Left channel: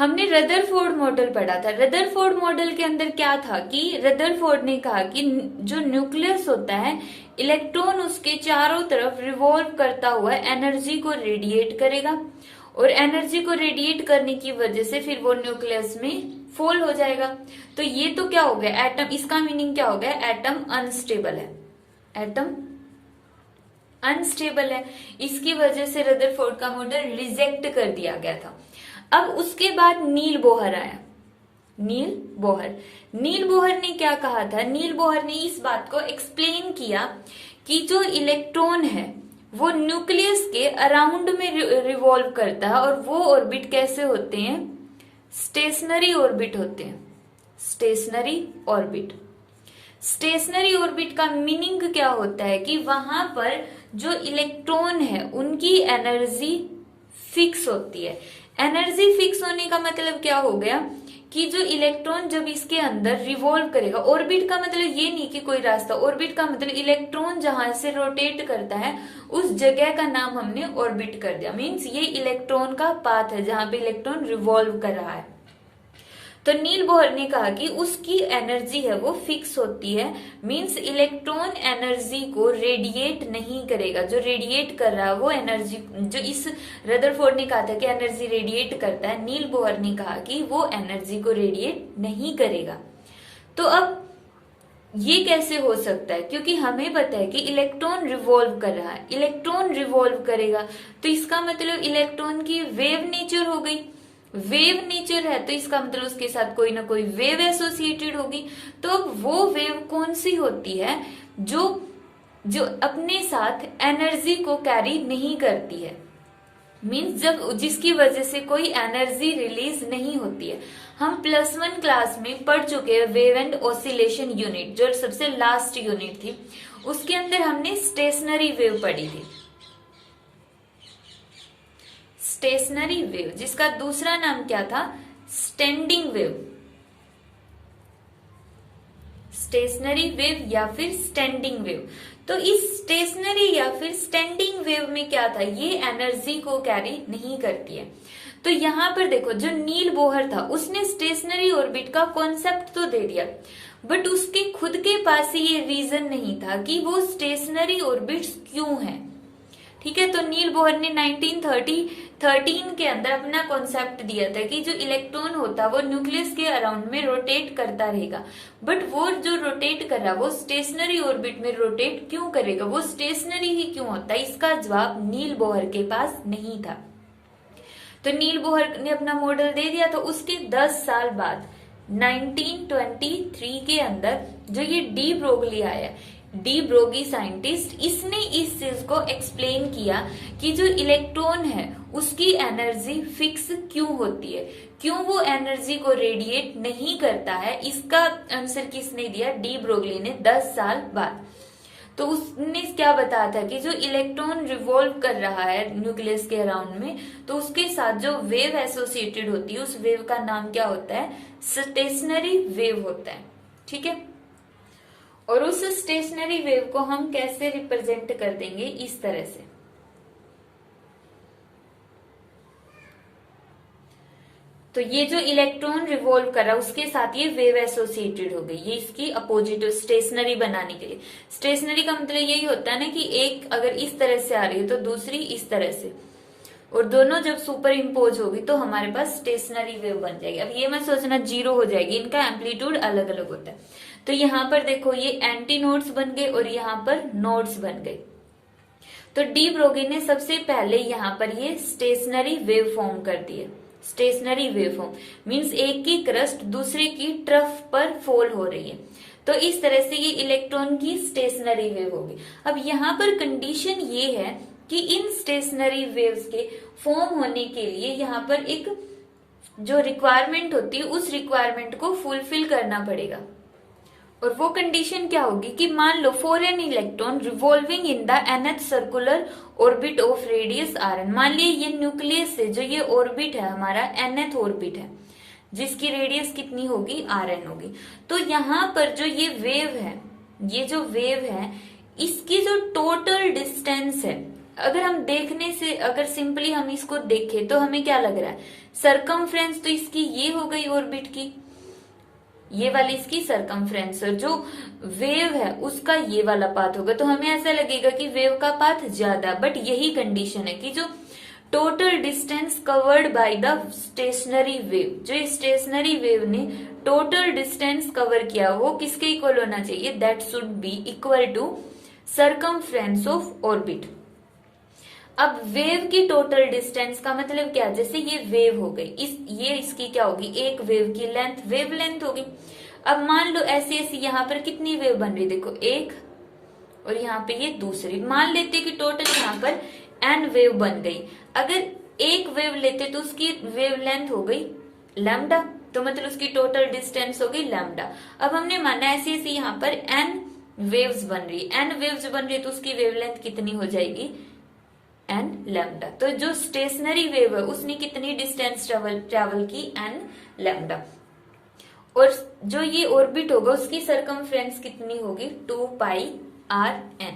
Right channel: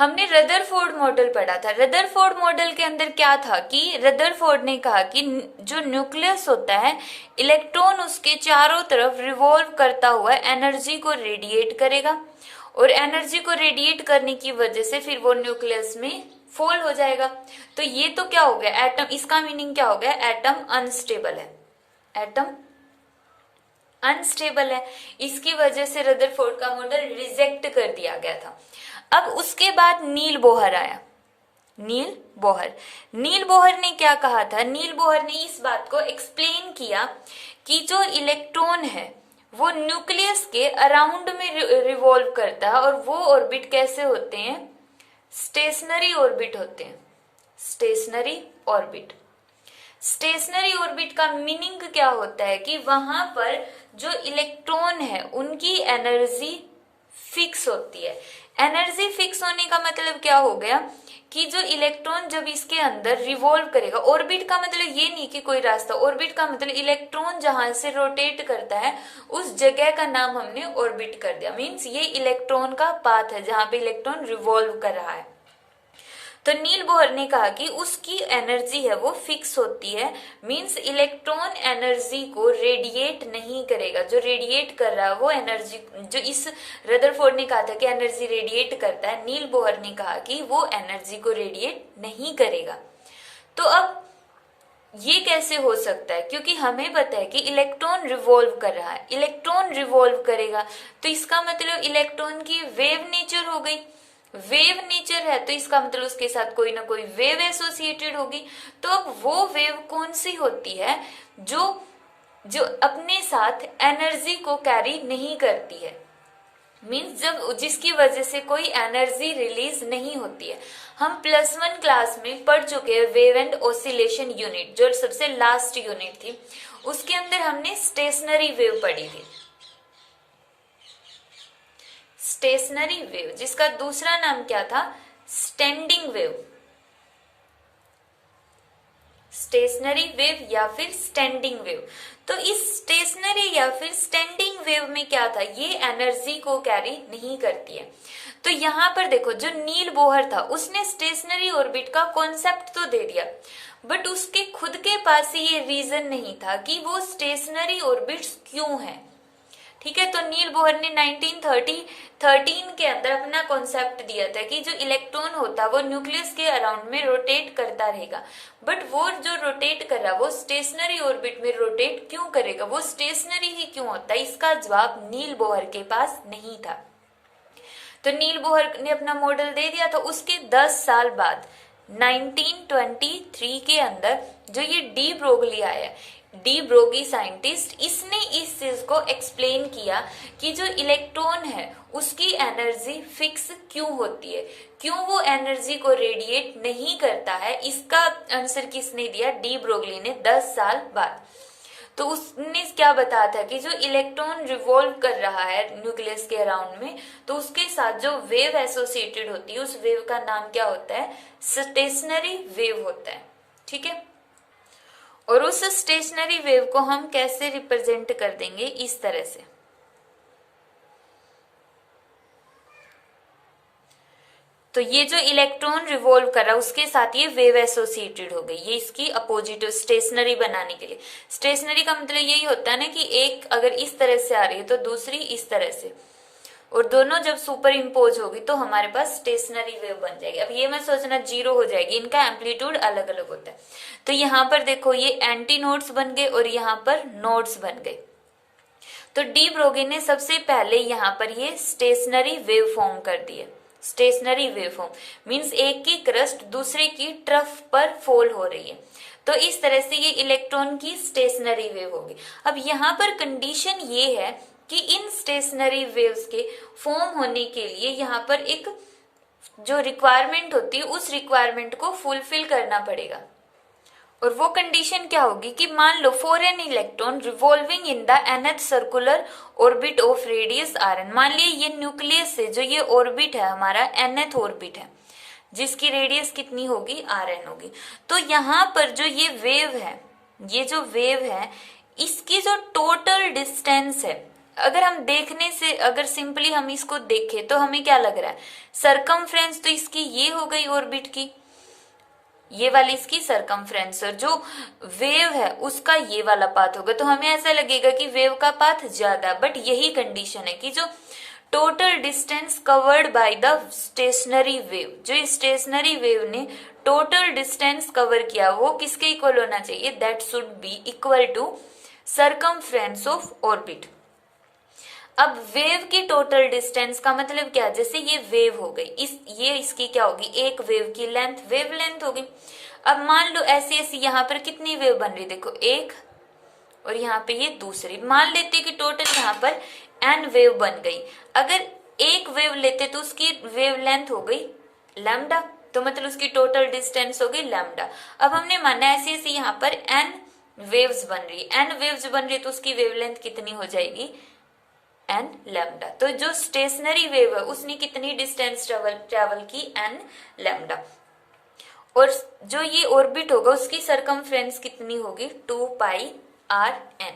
हमने Rutherford model पढ़ा था। रदरफोर्ड मॉडल के अंदर क्या था कि रदरफोर्ड ने कहा कि जो न्यूक्लियस होता है, इलेक्ट्रॉन उसके चारों तरफ रिवॉल्व करता हुआ एनर्जी को रेडिएट करेगा और एनर्जी को रेडिएट करने की वजह से फिर वो न्यूक्लियस में फॉल हो जाएगा। तो ये तो क्या हो गया, एटम। इसका मीनिंग क्या हो गया, एटम अनस्टेबल है। एटम अनस्टेबल है, इसकी वजह से रदरफोर्ड का मॉडल रिजेक्ट कर दिया गया था। अब उसके बाद नील बोहर आया। नील बोहर ने क्या कहा था, नील बोहर ने इस बात को एक्सप्लेन किया कि जो इलेक्ट्रॉन है वो न्यूक्लियस के अराउंड में रिवॉल्व करता है और वो ऑर्बिट कैसे होते हैं, स्टेशनरी ऑर्बिट होते हैं। Stationery orbit. स्टेशनरी ऑर्बिट का मीनिंग क्या होता है कि वहां पर जो इलेक्ट्रॉन है उनकी एनर्जी फिक्स होती है। एनर्जी फिक्स होने का मतलब क्या हो गया कि जो इलेक्ट्रॉन जब इसके अंदर रिवॉल्व करेगा, ऑर्बिट का मतलब ये नहीं कि कोई रास्ता, ऑर्बिट का मतलब इलेक्ट्रॉन जहां से रोटेट करता है उस जगह का नाम हमने ऑर्बिट कर दिया। मीन्स ये इलेक्ट्रॉन का पाथ है जहां पे इलेक्ट्रॉन रिवॉल्व कर रहा है। तो नील बोहर ने कहा कि उसकी एनर्जी है वो फिक्स होती है। मींस इलेक्ट्रॉन एनर्जी को रेडिएट नहीं करेगा। जो रेडिएट कर रहा है वो एनर्जी, जो इस रदरफोर्ड ने कहा था कि एनर्जी रेडिएट करता है, नील बोहर ने कहा कि वो एनर्जी को रेडिएट नहीं करेगा। तो अब ये कैसे हो सकता है, क्योंकि हमें पता है कि इलेक्ट्रॉन रिवॉल्व कर रहा है। इलेक्ट्रॉन रिवॉल्व करेगा तो इसका मतलब इलेक्ट्रॉन की वेव नेचर हो गई। वेव नेचर है तो इसका मतलब उसके साथ कोई ना कोई वेव एसोसिएटेड होगी। तो वो वेव कौन सी होती है, जो अपने साथ एनर्जी को कैरी नहीं करती है। मीन्स जब जिसकी वजह से कोई एनर्जी रिलीज नहीं होती है। हम +1 क्लास में पढ़ चुके हैं वेव एंड ऑसिलेशन यूनिट, जो सबसे लास्ट यूनिट थी। उसके अंदर हमने स्टेशनरी वेव पढ़ी थी। स्टेशनरी वेव, जिसका दूसरा नाम क्या था, स्टैंडिंग वेव। स्टेशनरी वेव या फिर स्टैंडिंग वेव। तो इस स्टेशनरी या फिर स्टैंडिंग वेव में क्या था, ये एनर्जी को कैरी नहीं करती है। तो यहां पर देखो, जो नील बोहर था उसने स्टेशनरी ऑर्बिट का कॉन्सेप्ट तो दे दिया, बट उसके खुद के पास ही ये रीजन नहीं था कि वो स्टेशनरी ऑर्बिट्स क्यों है। ठीक है, तो नील बोहर ने 1913 के अंदर अपना कॉन्सेप्ट दिया था कि जो इलेक्ट्रॉन होता है वो न्यूक्लियस के अराउंड में रोटेट करता रहेगा, बट वो जो रोटेट कर रहा है वो स्टेशनरी ऑर्बिट में रोटेट क्यों करेगा, वो स्टेशनरी ही क्यों होता है। इसका जवाब नील बोहर के पास नहीं था। तो नील बोहर ने अपना मॉडल दे दिया। तो उसके 10 साल बाद 1923 के अंदर जो ये डी ब्रोगली आया, डी ब्रोगी साइंटिस्ट, इसने इस चीज को एक्सप्लेन किया कि जो इलेक्ट्रॉन है उसकी एनर्जी फिक्स क्यों होती है, क्यों वो एनर्जी को रेडिएट नहीं करता है। इसका आंसर किसने दिया, डी ब्रोगली ने 10 साल बाद। तो उसने क्या बताया था कि जो इलेक्ट्रॉन रिवॉल्व कर रहा है न्यूक्लियस के अराउंड में, तो उसके साथ जो वेव एसोसिएटेड होती है उस वेव का नाम क्या होता है, स्टेशनरी वेव होता है। ठीक है, और उस स्टेशनरी वेव को हम कैसे रिप्रेजेंट कर देंगे, इस तरह से। तो ये जो इलेक्ट्रॉन रिवॉल्व कर रहा है उसके साथ ये वेव एसोसिएटेड हो गई, ये इसकी अपोजिट स्टेशनरी बनाने के लिए। स्टेशनरी का मतलब यही होता है ना कि एक अगर इस तरह से आ रही है तो दूसरी इस तरह से, और दोनों जब सुपर इम्पोज होगी तो हमारे पास स्टेशनरी वेव बन जाएगी। अब ये मैं सोचना 0 हो जाएगी, इनका एम्पलीट्यूड अलग अलग होता है। तो यहाँ पर देखो ये एंटी नोड्स बन गए और यहाँ पर नोड्स बन गए। तो डी ब्रोगी ने सबसे पहले यहाँ पर ये स्टेशनरी वेव फॉर्म कर दी है। स्टेशनरी वेव फॉर्म मीन्स एक की क्रस्ट दूसरे की ट्रफ पर फॉल हो रही है। तो इस तरह से ये इलेक्ट्रॉन की स्टेशनरी वेव होगी। अब यहाँ पर कंडीशन ये है कि इन स्टेशनरी वेव्स के फॉर्म होने के लिए यहाँ पर एक जो रिक्वायरमेंट होती है उस रिक्वायरमेंट को फुलफिल करना पड़ेगा। और वो कंडीशन क्या होगी कि मान लो for an electron revolving in the nth circular orbit of radius rn, मान लिया ये न्यूक्लियस से जो ये ऑर्बिट है हमारा nth ऑर्बिट है जिसकी रेडियस कितनी होगी, rn होगी। तो यहाँ पर जो ये वेव है, ये जो वेव है इसकी जो टोटल डिस्टेंस है, अगर हम देखने से, अगर सिंपली हम इसको देखें तो हमें क्या लग रहा है, सरकमफ्रेंस तो इसकी ये हो गई ऑर्बिट की, ये वाली इसकी सरकमफ्रेंस, और जो वेव है उसका ये वाला पाथ होगा, तो हमें ऐसा लगेगा कि वेव का पाथ ज्यादा। बट यही कंडीशन है कि जो total distance covered by the stationary wave, जो स्टेशनरी वेव ने टोटल डिस्टेंस कवर किया वो किसके इक्वल होना चाहिए, that should be equal to circumference of orbit. अब वेव की टोटल डिस्टेंस का मतलब क्या, जैसे ये वेव हो गई, ये इसकी क्या होगी, एक वेव की लेंथ, वेव लेंथ होगी। अब मान लो ऐसी ऐसी यहाँ पर कितनी वेव बन रही, देखो एक, और यहाँ पे ये दूसरी, मान लेते कि टोटल यहाँ पर n वेव बन गई। अगर एक वेव लेते तो उसकी वेव लेंथ हो गई लैम्डा, तो मतलब उसकी टोटल डिस्टेंस हो गई लैम्डा। अब हमने माना ऐसे ऐसे यहाँ पर n वेव्स बन रही, n वेव्स बन रही, तो उसकी वेवलेंथ कितनी हो जाएगी, n लैम्डा। तो जो स्टेशनरी वेव है उसने कितनी डिस्टेंस ट्रेवल की, n लैम्डा। और जो ये ऑर्बिट होगा उसकी सरकमफ्रेंस कितनी होगी, 2 पाई r n।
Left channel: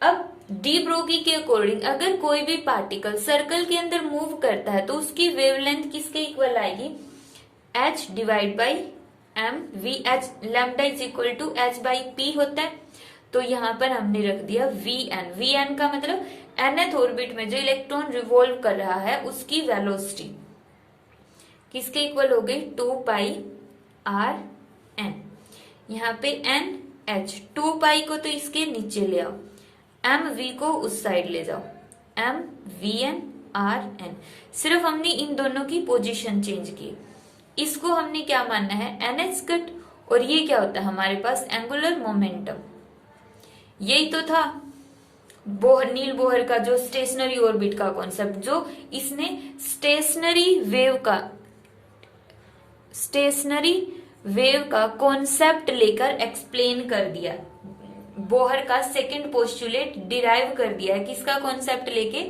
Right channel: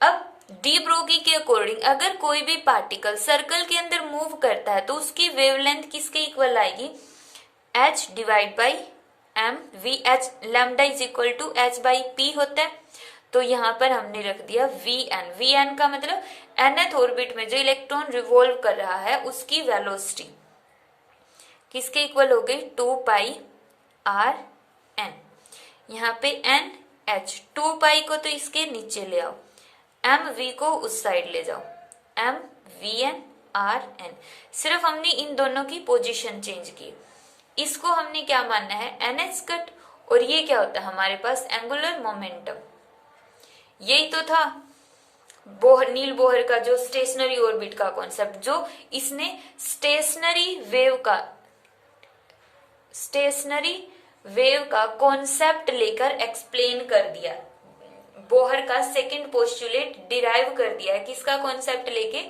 अब डी ब्रोगी के अकॉर्डिंग अगर कोई भी पार्टिकल सर्कल के अंदर मूव करता है तो उसकी वेवलेंथ किसके इक्वल आएगी, h divide by m v h, lambda is equal to h by p होता है। तो यहाँ पर हमने रख दिया vn, vn का मतलब nth ऑर्बिट में जो इलेक्ट्रॉन रिवॉल्व कर रहा है उसकी वेलोसिटी किसके इक्वल हो गई, 2 पाई r n। यहाँ पे n h, 2 पाई को तो इसके नीचे ले आओ, एम वी को उस साइड ले जाओ, M V N R N. सिर्फ हमने इन दोनों की पोजीशन चेंज की, इसको हमने क्या मानना है, एन एच कट, और ये क्या होता है हमारे पास एंगुलर मोमेंटम। यही तो था नील बोहर का जो स्टेशनरी ऑर्बिट का कॉन्सेप्ट, जो इसने स्टेशनरी वेव का कॉन्सेप्ट लेकर एक्सप्लेन कर दिया। बोहर का सेकंड पोस्टुलेट डिराइव कर दिया है, किसका कॉन्सेप्ट लेके,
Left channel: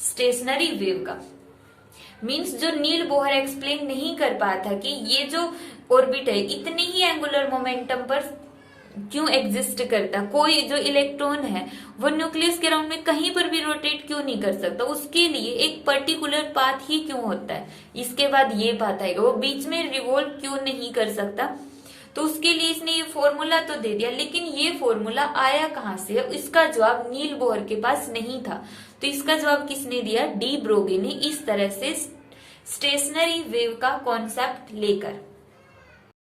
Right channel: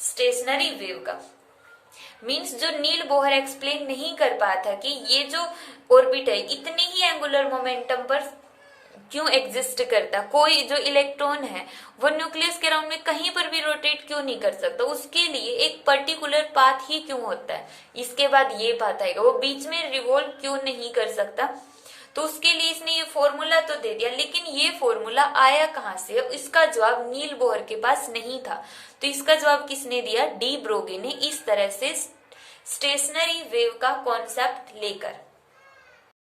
स्टेशनरी वेव का। मींस जो नील बोहर एक्सप्लेन नहीं कर पाया था कि ये जो ऑर्बिट है इतने ही एंगुलर मोमेंटम पर क्यों एग्जिस्ट करता, कोई जो इलेक्ट्रॉन है वो न्यूक्लियस के अराउंड में कहीं पर भी रोटेट क्यों नहीं कर सकता, उसके लिए एक पर्टिकुलर पाथ ही क्यों होता है, इसके बाद ये पाथ आएगा, वो बीच में रिवॉल्व क्यों नहीं कर सकता। तो उसके लिए इसने ये फॉर्मूला तो दे दिया, लेकिन ये फॉर्मूला आया कहाँ से, इसका जवाब नील बोहर के पास नहीं था। तो इसका जवाब किसने दिया, डी ब्रोगे ने, इस तरह से स्टेशनरी वेव का कॉन्सेप्ट लेकर।